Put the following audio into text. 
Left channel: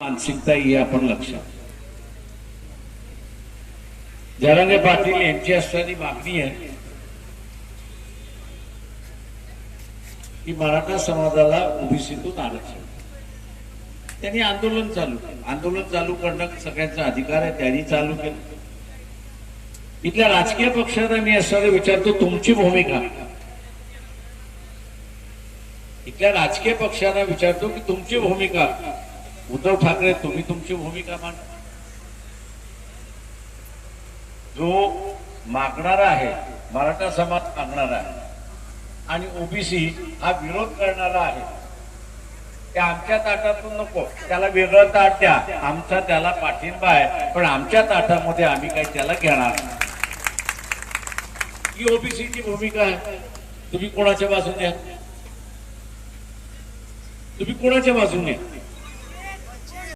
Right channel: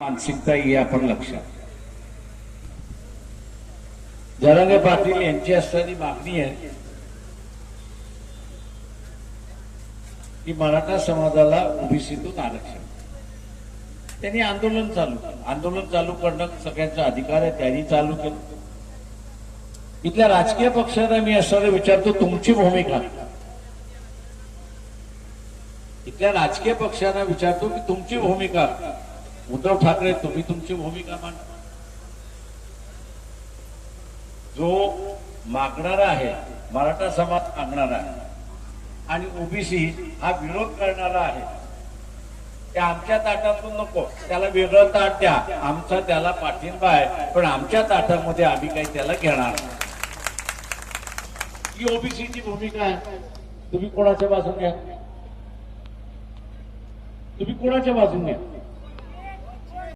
मानसिकता ही आपण लक्षात. जरांगे पाटील यांची असणारी मागणी आहे की मराठा समाजाला ओबीसीतून आरक्षण. त्यांनी आंदोलन चालू केलं. आंदोलन चालू करणं सगळ्यांचा अधिकार आहे त्यांनी चालू केलं. इथल्या राजकीय पक्षांना मी असणारे विचारतो तुमची भूमिका. इथल्या राजकीय पक्षांना विचारतो की तुमची भूमिका. उद्धव ठाकरे तुम्ही तुमची भूमिका मांडा. जो मागणारा आहे मराठा समाज मागणारा आहे आणि ओबीसी हा विरोध करणारा आहे ते आमच्या ताटातून नको. त्याला वेगळं ताट द्या. आमचा त्याला पाठिंबा आहे पण आमच्या ताटामध्ये आम्ही काही त्याला घेणार नाही. ही ओबीसीची भूमिका आहे. तुम्ही कोणाच्या बाजूने? आहे? तुम्ही कोणाच्या बाजूने? आहे?